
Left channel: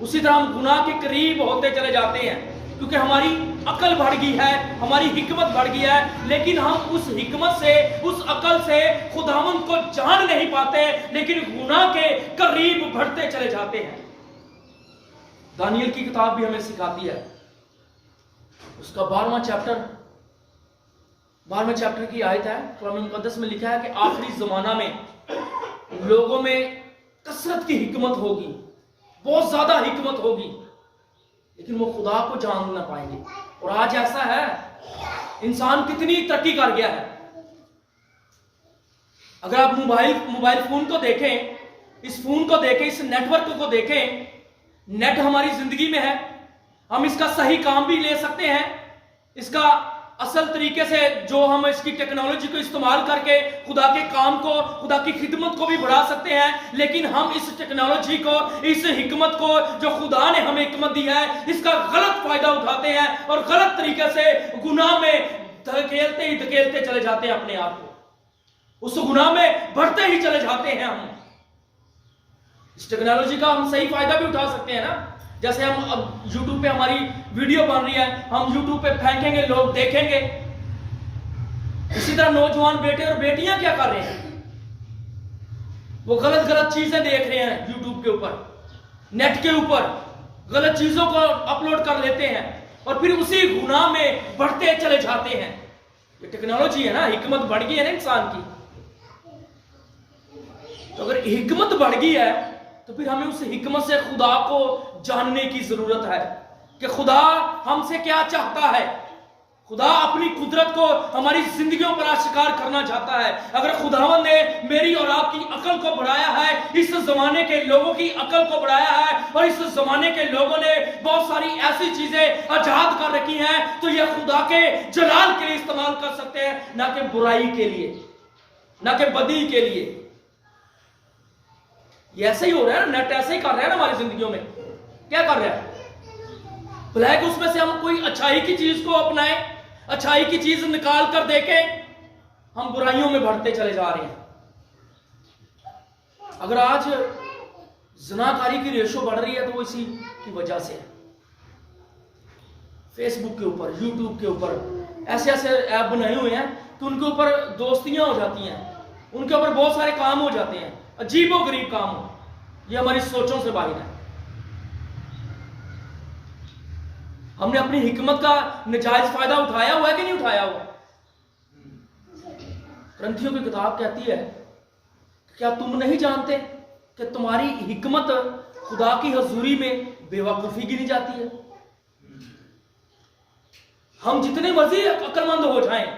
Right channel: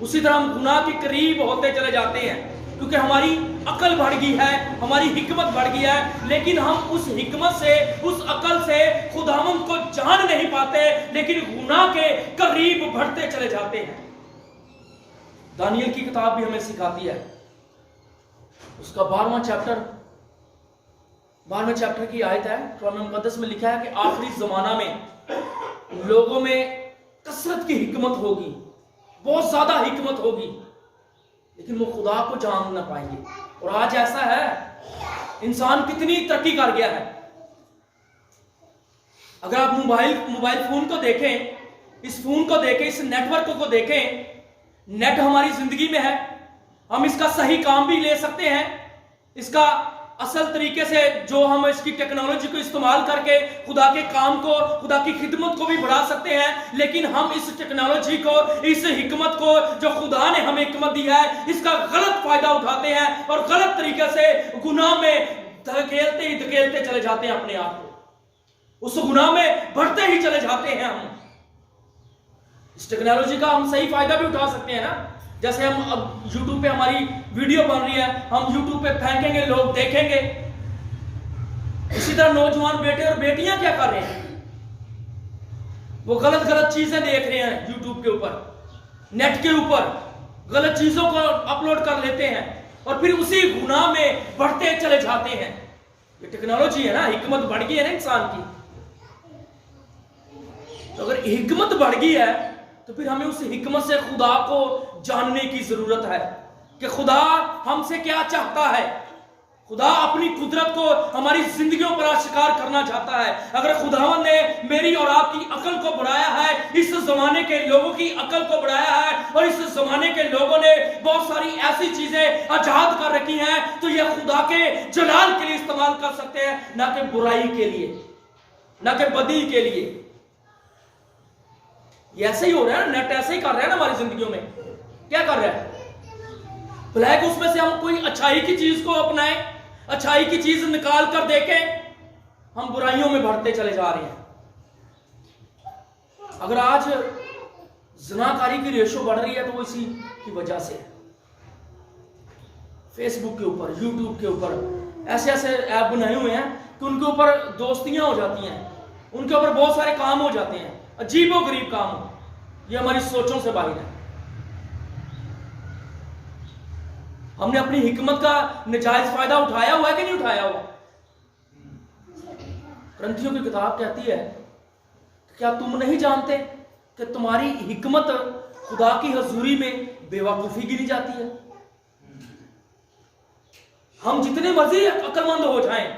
اسی طرح ہم گناہ کے قریب ہوتے چلے جاتے ہیں، کیونکہ ہماری عقل بڑھ گئی ہے، ہماری حکمت بڑھ گئی ہے، لیکن ہم اس حکمت سے، اس عقل سے خداوند کو جان نہیں پاتے، لیکن گناہ کے قریب بڑھتے چلے جاتے ہیں۔ دانیل کی کتاب بھی ہمیں سکھاتی ہے، اس کا 12واں چیپٹر کی آیت ہے، کلام مقدس میں لکھا ہے کہ آخری زمانہ میں لوگوں میں کثرت کی حکمت ہوگی، بہت زیادہ حکمت ہوگی، لیکن وہ خدا کو جان نہ پائیں گے۔ اور آج ایسا ہے، انسان کتنی ترقی کر گیا ہے۔ اگر آپ موبائل فون کو دیکھیں इस फोन को देखें, इस नेटवर्क को देखें, नेट हमारी जिंदगी में है, हम इसका सही काम भी ले सकते हैं, इसका असल तरीके से जो हम इसकी टेक्नोलॉजी को इस्तेमाल करके खुदा के काम को, खुदा की खिदमत को भी बढ़ा सकते हैं। लेकिन हम इस टेक्नोलॉजी को, इस हिकमत को जो खुदा ने हमें हिकमत दी है, इसका गलत फायदा उठाते हैं और गलत तरीके से गुनाह में धकेलते चले जाते हैं अपने आप को, उस गुनाह में बढ़ते ही चले जाते हैं। हम इस टेक्नोलॉजी का हम सही फायदा भी उठा सकते हैं ना। जैसे हम अब YouTube पे हमारी वीडियो बन रही है, हम YouTube पे फेंकेंगे, लोग देखेंगे। इसी तरह नौजवान बेटे और बेटियां क्या कर रहे हैं, वो गलत गलत चीजें देख रहे हैं YouTube के ऊपर, नेट के ऊपर गलत चीजों को अपलोड कर लेते हैं और फिर उसी गुनाह में बढ़ते चले जाते हैं। ये टेक्नोलॉजी है ना, हिकमत बढ़ गई है ना इंसान की। तो अगर हिकमत बढ़ गई है तो फिर हमें उस हिकमत से खुदा को जानने की जरूरत है कि खुदा हमसे क्या चाहता है। खुदा अपनी कुदरत को हमारी जिंदगियों पर आश्कार करना चाहता है। अगर खुदावंद ने मेरी और आपकी अकल को बढ़ाया है, इस जमाने के लोगों की अकल को बढ़ाया है और इस जमाने के लोगों ने बहुत सारी ऐसी चीजें आजाद कर रखी हैं, तो यह खुदा के जलाल के लिए इस्तेमाल कर सकते हैं, ना कि बुराई के लिए, ना कि बदी के लिए। ये ऐसे ही हो रहा है ना, नेट ऐसे ही कर रहा है ना हमारी जिंदगियों में। क्या कर रहा है, ब्लैक, उसमें से हम कोई अच्छाई की चीज को अपनाएं, अच्छाई की चीज निकाल कर देखें, हम बुराइयों में बढ़ते चले जा रहे हैं। अगर आज ज़िनाकारी की रेशो बढ़ रही है तो वो इसी की वजह से है। फेसबुक के ऊपर, यूट्यूब के ऊपर ऐसे ऐसे ऐप बनाए हुए हैं कि उनके ऊपर दोस्तियां हो जाती हैं, उनके ऊपर बहुत सारे काम हो जाते हैं, अजीबो गरीब काम हो। ये हमारी सोचों से बाहर है। हमने अपनी हिकमत का नजायज फायदा उठाया हुआ है कि नहीं उठाया हुआ। ग्रंथियों की किताब कहती है, क्या तुम नहीं जानते कि तुम्हारी हिकमत खुदा की हजूरी में बेवकूफी गिनी जाती है। हम जितने मर्जी अक्लमंद हो जाएं,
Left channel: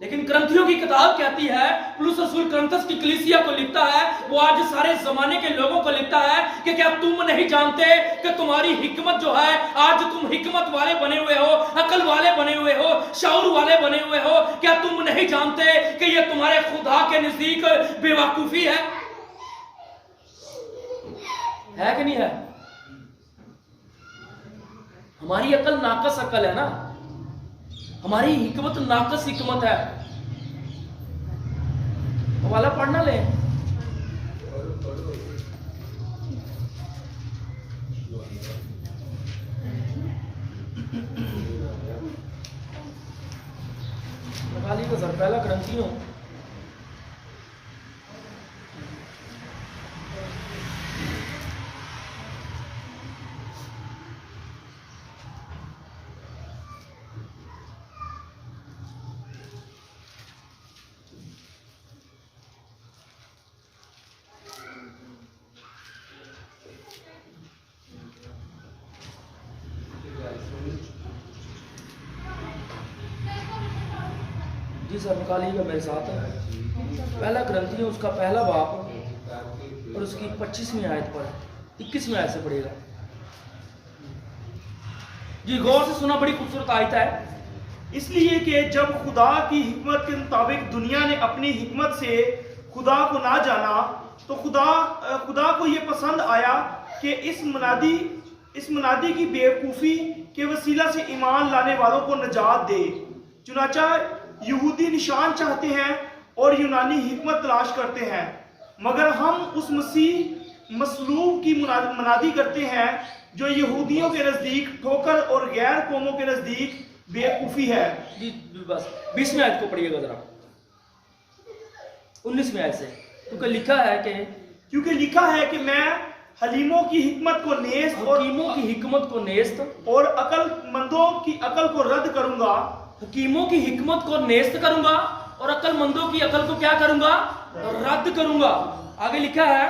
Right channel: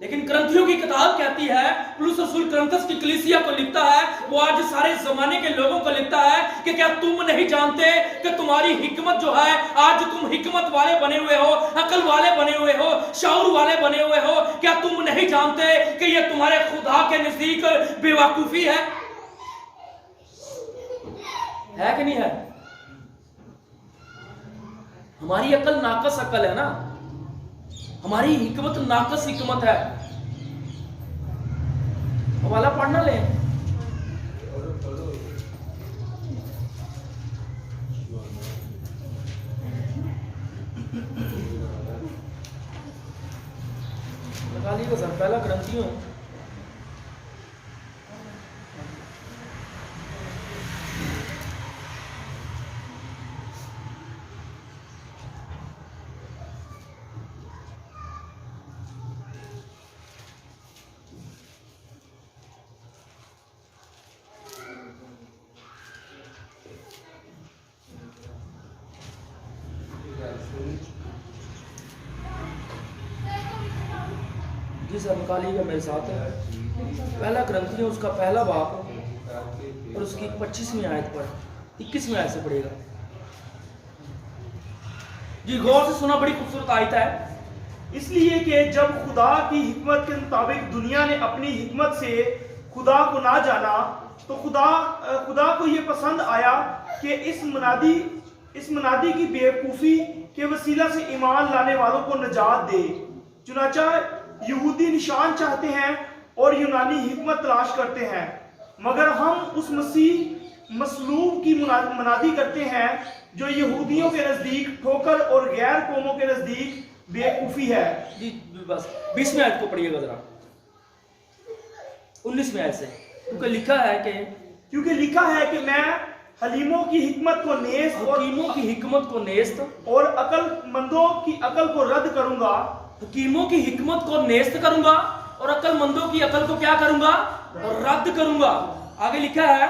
लेकिन ग्रंथियों की किताब कहती है, पौलुस रसूल ग्रंथस की कलीसिया को लिखता है, वो आज सारे जमाने के लोगों को लिखता है कि क्या तुम नहीं जानते कि तुम्हारी हिकमत जो है, आज तुम हिकमत वाले बने हुए हो, अकल वाले बने हुए हो, शऊर वाले बने हुए हो, क्या तुम नहीं जानते कि ये तुम्हारे खुदा के नजदीक बेवकूफी है कि नहीं है। हमारी अकल नाकस अकल है ना, हमारी हिकमत नाकस हिकमत है। हवाला पढ़ना ले, निकालिएगा सर, पहला ग्रंथियों जी सर, निकालिएगा मेरे साथ। पहला ग्रंथियों उसका पहला बाप और उसकी 25वीं आयत पर 21वीं आयत से पढ़ेगा। जी गौर से सुना, बड़ी खूबसूरत आयत है। इसलिए कि जब खुदा की हिकमत के मुताबिक दुनिया ने अपनी हिकमत से खुदा को ना जाना, तो खुदा को यह पसंद आया कि इस मुनादी की बेवकूफ़ी के वसीला से ईमान लाने वालों को निजात दे। चुनाचा यहूदी निशान चाहते हैं और यूनानी हिकमत तलाश करते हैं, मगर हम उस मसीह मसलूब की मुनादी करते हैं जो यहूदियों के नजदीक ठोकर और गैर कौमों के नजदीक बेवकूफ़ी है। जी बस 20वीं आयत को पढ़िएगा जरा, 19वीं आयत से। क्योंकि लिखा है कि मैं हलीमों की हिकमत को नेस्त और हकीमों की हिकमत को नेस्त और अकलमंदों की अकल को रद्द करूंगा। हकीमों की हिकमत को नेस्त करूंगा और अकलमंदों की अकल को क्या करूंगा? रद्द करूंगा। आगे लिखा है,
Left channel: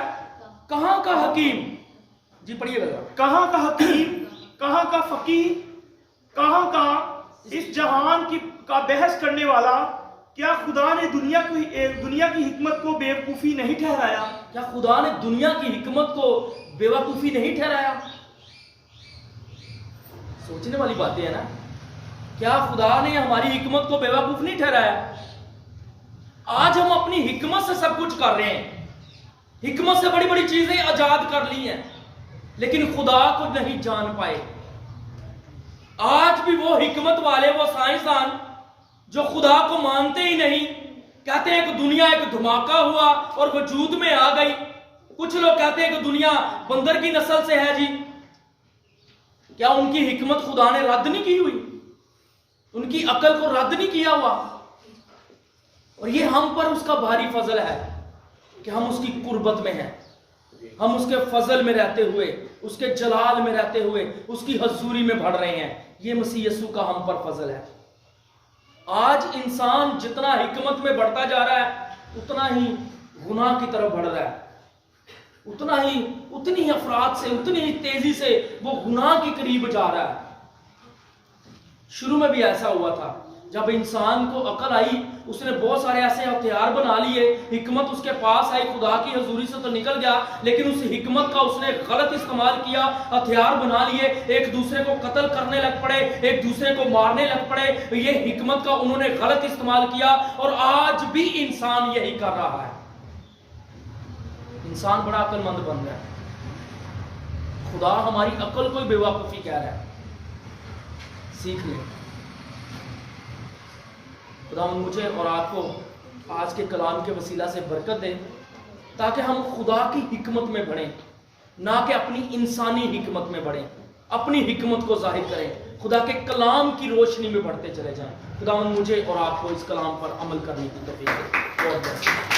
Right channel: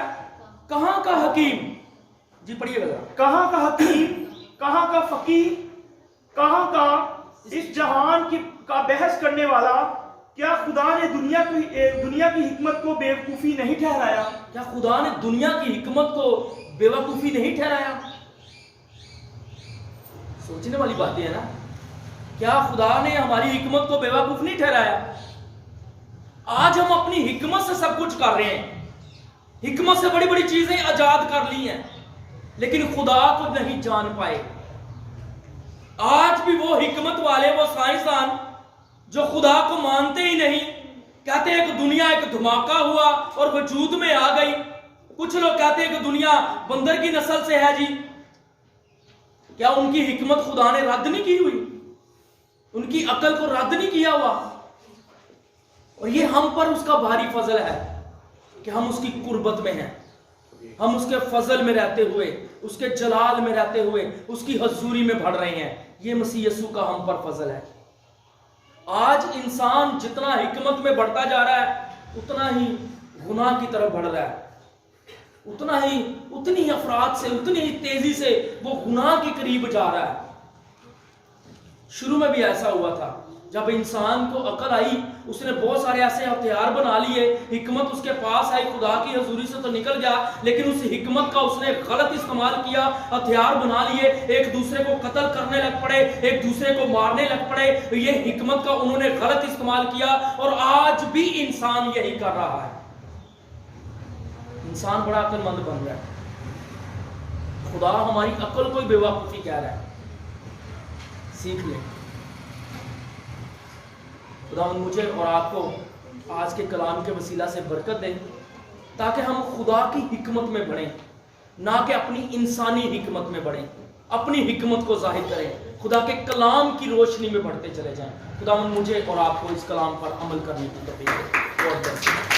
कहां का हकीम, जी पढ़िएगा जरा। कहां का हकीम, कहां का फकीर, कहां का इस जहान की का बहस करने वाला, क्या खुदा ने दुनिया की हिकमत को बेवकूफ़ी नहीं ठहराया? क्या खुदा ने दुनिया की हिकमत को बेवकूफ़ी नहीं ठहराया? सोचने वाली बातें है ना। क्या खुदा ने हमारी हिकमत को बेवकूफ़ नहीं ठहराया? आज हम अपनी हिकमत से सब कुछ कर रहे हैं, हिकमत से बड़ी बड़ी चीजें आजाद कर ली हैं, लेकिन खुदा को नहीं जान पाए। आज भी वो हिकमत वाले, वो साइंसदान जो खुदा को मानते ही नहीं, कहते हैं कि दुनिया एक धमाका हुआ और वजूद में आ गई। कुछ लोग कहते हैं कि दुनिया बंदर की नस्ल से है जी। क्या उनकी हिकमत खुदा ने रद्द नहीं की हुई? उनकी अकल को रद्द नहीं किया हुआ? और ये हम पर उसका भारी फजल है कि हम उसकी कुर्बत में हैं, हम उसके फजल में रहते हुए, उसके जलाल में रहते हुए उसकी हजूरी में बढ़ रहे हैं। ये मसीह यीशु का हम पर फजल है। आज इंसान जितना हिकमत में बढ़ता जा रहा है, उतना ही गुनाह की तरफ बढ़ रहा है, उतनी ही अफराद से, उतनी ही तेजी से वो गुनाह के करीब जा रहा है। शुरू में भी ऐसा हुआ था, जब इंसान को अकल आई, उसने बहुत सारे ऐसे हथियार बना लिए, हिकमत उसके पास आई, खुदा की हजूरी से तो निकल गया, लेकिन उस हिकमत का उसने गलत इस्तेमाल किया, हथियार बना लिए, एक दूसरे को कत्ल करने लग पड़े, एक दूसरे को मारने लग पड़े। ये हिकमत का उन्होंने गलत इस्तेमाल किया और आज भी इंसान यही कर रहा है। इंसान बड़ा अक्लमंद बन रहा है, खुदा हमारी अकल को ही बेवकूफी कह रहा है। सीख ले। खुदा मुझे और आपको आज के कलाम के वसीला से बरकत दे, ताकि हम खुदा की हिकमत में बढ़ें, ना कि अपनी इंसानी हिकमत में बढ़ें, अपनी हिकमत को जाहिर करें, खुदा के कलाम की रोशनी में बढ़ते चले जाएं। खुदा मुझे और आपको इस कलाम पर अमल करने की तौफीक दे। God bless you.